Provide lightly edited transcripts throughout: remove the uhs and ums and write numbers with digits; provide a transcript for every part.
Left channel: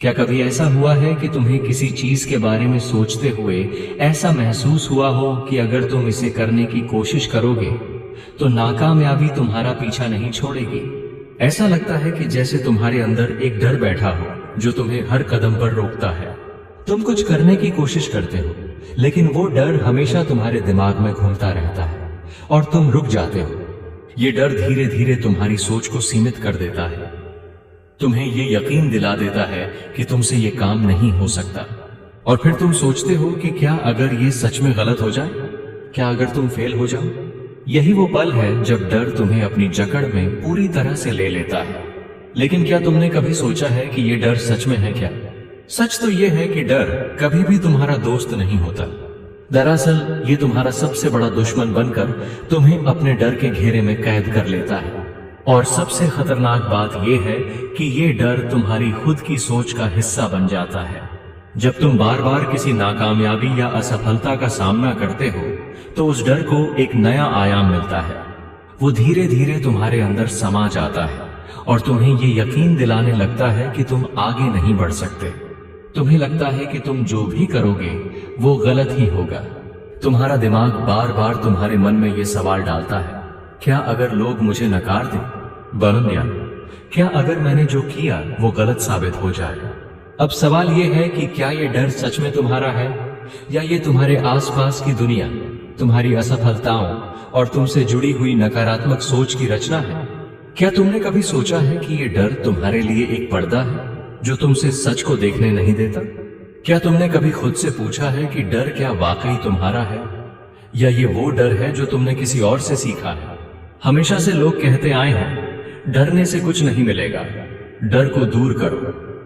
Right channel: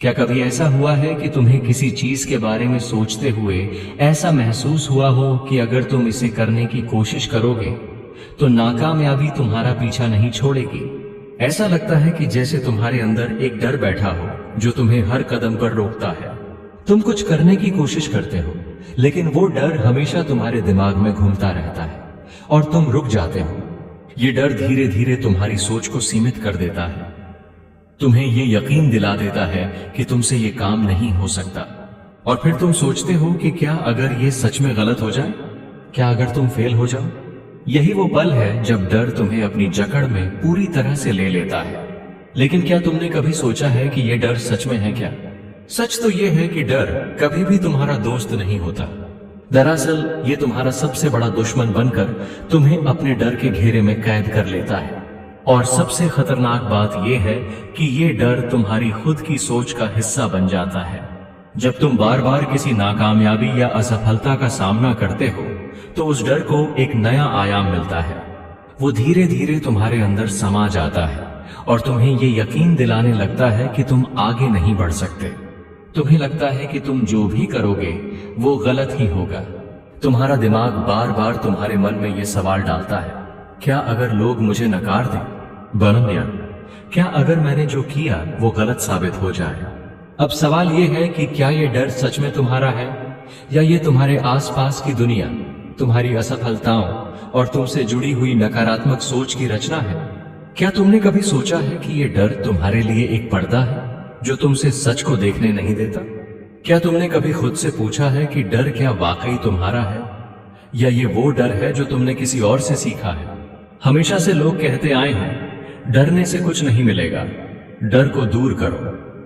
क्या कभी ऐसा हुआ है कि तुम्हें किसी चीज के बारे में सोचते हुए ऐसा महसूस हुआ हो कि अगर तुम इसे करने की कोशिश करोगे तो नाकामयाबी तुम्हारा पीछा नहीं छोड़ेगी? ऐसा लगता है कि जैसे तुम्हारे अंदर एक डर बैठा हो जो तुम्हें हर कदम पर रोकता है। तुम कुछ करने की कोशिश करते हो लेकिन वो डर हमेशा तुम्हारे दिमाग में घूमता रहता है और तुम रुक जाते हो। ये डर धीरे धीरे तुम्हारी सोच को सीमित कर देता है, तुम्हें ये यकीन दिला देता है कि तुमसे ये काम नहीं हो सकता। और फिर तुम सोचते हो कि क्या अगर ये सच में गलत हो जाए, क्या अगर तुम फेल हो जाओ? यही वो पल है जब डर तुम्हें अपनी जकड़ में पूरी तरह से ले लेता है। लेकिन क्या तुमने कभी सोचा है कि ये डर सच में है क्या? सच तो ये है कि डर कभी भी तुम्हारा दोस्त नहीं होता। दरअसल ये तुम्हारा सबसे बड़ा दुश्मन बनकर तुम्हें अपने डर के घेरे में कैद कर लेता है। और सबसे खतरनाक बात यह है कि ये डर तुम्हारी खुद की सोच का हिस्सा बन जाता है। जब तुम बार बार किसी नाकामयाबी या असफलता का सामना करते हो तो उस डर को एक नया आयाम मिलता है। वो धीरे धीरे तुम्हारे अंदर समा जाता है और तुम्हें ये यकीन दिलाने लगता है कि तुम आगे नहीं बढ़ सकते। तुम्हें लगता है कि तुम जो भी करोगे वो गलत ही होगा। तुम्हारा दिमाग बार बार तुम्हारे मन में ये सवाल डालता है, क्या अगर लोग मुझे नकार दें? या क्या अगर मैंने जो किया वो गलत साबित हो जाए? अब सवाल ये है कि क्या ये डर सच में तुम्हारा है या ये तुम्हारे आसपास की दुनिया, तुम्हारी असफलताओं और तुमसे जुड़ी हुई नकारात्मक सोच की रचना है? क्या तुमने कभी सोचा है कि ये डर तुम्हारे लिए एक पर्दा है जो तुमसे सच को देखने नहीं देता? क्या तुमने कभी खुद से पूछा है कि डर क्या वाकई तुम्हारा है या ये वो डर है जो तुमने किसी और से सीखा है? हमेशा से लोग कहते आए हैं, डरने से कुछ नहीं मिलेगा, डर को दूर करो,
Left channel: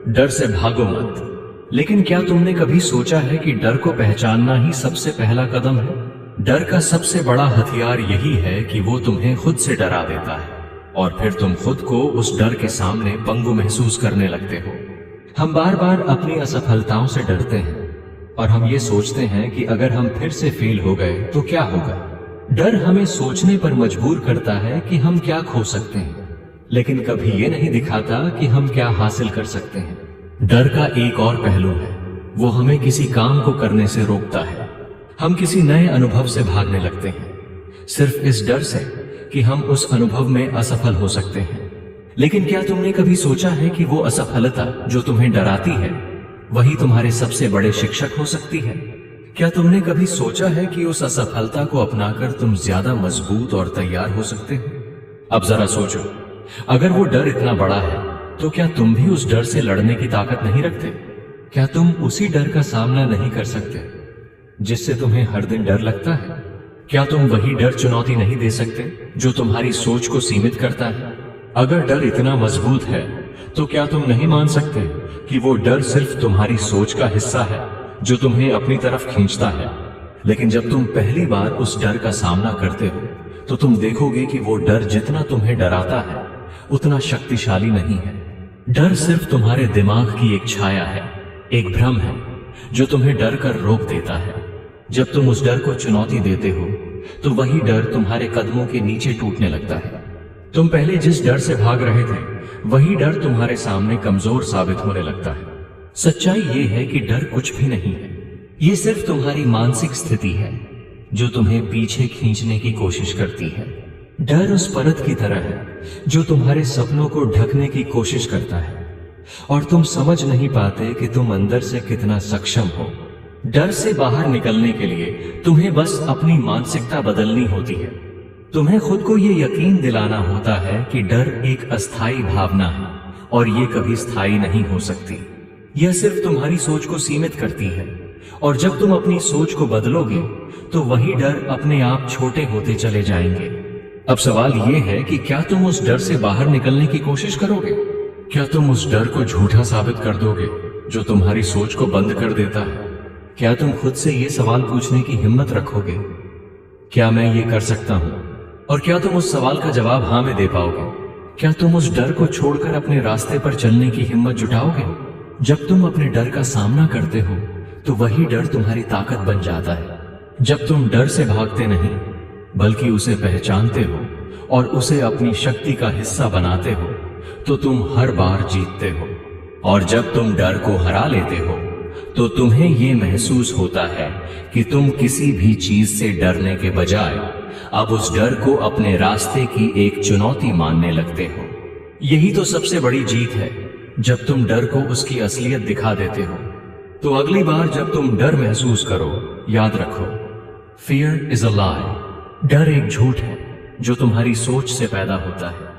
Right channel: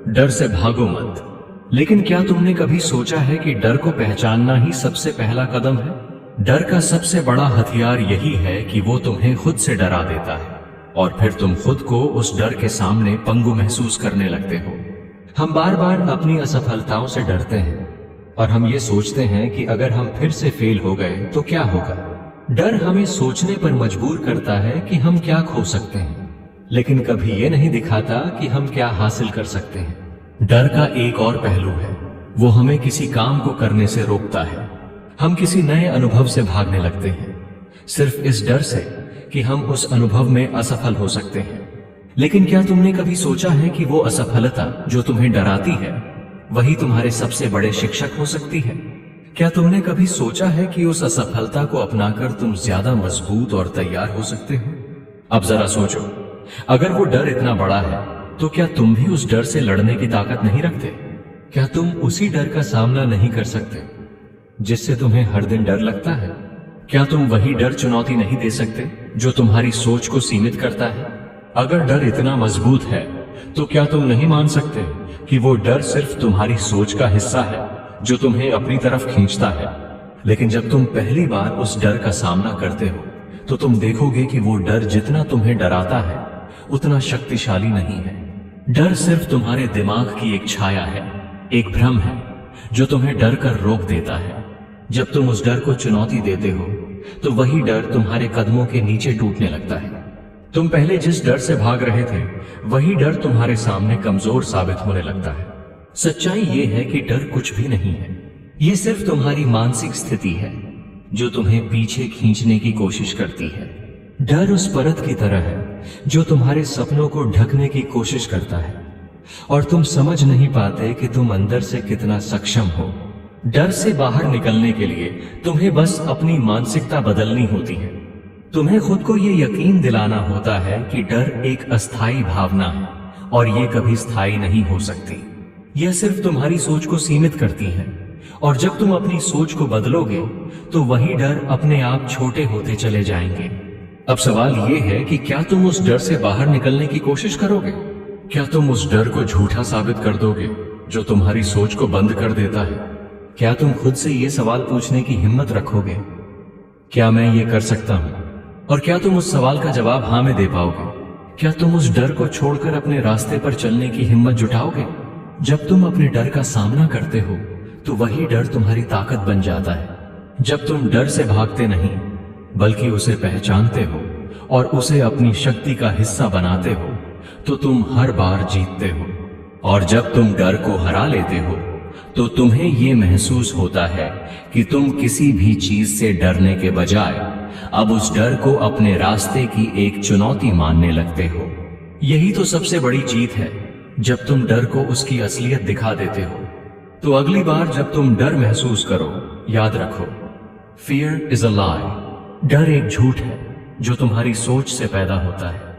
डर से भागो मत। लेकिन क्या तुमने कभी सोचा है कि डर को पहचानना ही सबसे पहला कदम है? डर का सबसे बड़ा हथियार यही है कि वो तुम्हें खुद से डरा देता है और फिर तुम खुद को उस डर के सामने पंगु महसूस करने लगते हो। हम बार बार अपनी असफलताओं से डरते हैं और हम ये सोचते हैं कि अगर हम फिर से फेल हो गए तो क्या होगा। डर हमें सोचने पर मजबूर करता है कि हम क्या खो सकते हैं, लेकिन कभी ये नहीं दिखाता कि हम क्या हासिल कर सकते हैं। डर का एक और पहलू है, वो हमें किसी काम को करने से रोकता है। हम किसी नए अनुभव से भागने लगते हैं सिर्फ इस डर से कि हम उस अनुभव में असफल हो सकते हैं। लेकिन क्या तुमने कभी सोचा है कि वो असफलता जो तुम्हें डराती है वही तुम्हारे सबसे बड़े शिक्षक हो सकती है? क्या तुमने कभी सोचा है कि उस असफलता को अपनाकर तुम ज्यादा मजबूत और तैयार हो सकते हो? अब जरा सोचो, अगर वो डर इतना बड़ा है तो क्या तुम भी उस डर से लड़ने की ताकत नहीं रखते? क्या तुम उसी डर का सामना नहीं कर सकते जिससे तुम्हें हर दिन डर लगता है? क्या तुम वही डर चुनौती नहीं दे सकते जो तुम्हारी सोच को सीमित करता है? अगर डर इतना मजबूत है तो क्या तुम नहीं मान सकते कि वो डर सिर्फ तुम्हारी सोच का हिस्सा है जो तुम्हें अपनी तरफ खींचता है? लेकिन जब तुम पहली बार उस डर का सामना करते हो तो तुम देखोगे कि वो डर जितना तुम्हें डराता है उतना शक्तिशाली नहीं है। डर सिर्फ तुम्हारे दिमाग की एक छाया है, एक भ्रम है जो तुम्हें डर कर रोक देता है। जब तुम उस डर को चुनौती देते हो तो वही डर तुम्हारे कदमों के नीचे टूटने लगता है। तुम पहले जिस डर से भाग रहे थे वही डर तुम्हारे सामने कमजोर साबित होने लगता है। सच्चाई ये है कि डर कुछ भी नहीं है, ये सिर्फ तुम्हारी मानसिक स्थिति है जो तुम्हें पीछे खींचने की कोशिश करती है। डर उस परत की तरह है जो तुम्हारे सपनों को ढकने की कोशिश करता है और तुम समझ नहीं पाते कि तुम अंदर से कितना सक्षम हो। डर से बाहर निकलने के लिए तुम्हें बस अपनी मानसिकता बदलनी होती है। तुम्हें खुद को ये यकीन दिलाना होता है कि डर एक अस्थायी भावना है और ये कभी स्थायी नहीं हो सकती। यह सिर्फ तुम्हारी सोच को सीमित करती है और जब तुम अपनी सोच को बदलोगे तो वही डर अपने आप छोटे होते चले जाएंगे। अब सवाल ये है कि क्या तुम उस डर से बाहर निकलने की कोशिश करोगे? क्या तुम उस डर को झूठा साबित कर दोगे जो तुम्हारी सोच को बंद कर देता है? क्या तुम खुद से ये सवाल पूछने की हिम्मत रखोगे, क्या मैं ये कर सकता हूँ? और क्या तुम उस सवाल का जवाब हाँ में दे पाओगे? क्या तुम उस डर को छोड़कर अपने रास्ते पर चलने की हिम्मत जुटाओगे? जब तुम अपने डर का सामना करते हो तो वही डर तुम्हारी ताकत बन जाता है। जब तुम डर से भागते नहीं बल्कि उसे पहचानते हो और उसे अपनी शक्ति का हिस्सा बनाते हो तो तुम हर बार जीतते हो। और जब तुम डर को हरा लेते हो तो तुम्हें ये महसूस होता है कि तुम किसी भी चीज से डरने के बजाय अब उस डर को अपने रास्ते की एक चुनौती मानने लगते हो। यही तो सबसे बड़ी जीत है, जब तुम डर को उसकी असलियत दिखा देते हो। तो अगली बार जब तुम डर महसूस करो, याद रखो, फियर इज अ लाई। डर एक झूठ है जो तुम्हारी सोच से पैदा होता है,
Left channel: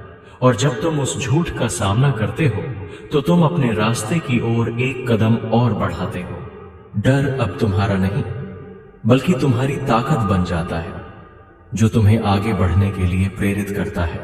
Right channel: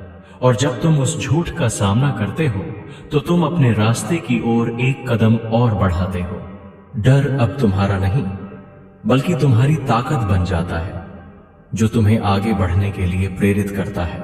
और जब तुम उस झूठ का सामना करते हो तो तुम अपने रास्ते की ओर एक कदम और बढ़ाते हो। डर अब तुम्हारा नहीं, बल्कि तुम्हारी ताकत बन जाता है, जो तुम्हें आगे बढ़ने के लिए प्रेरित करता है।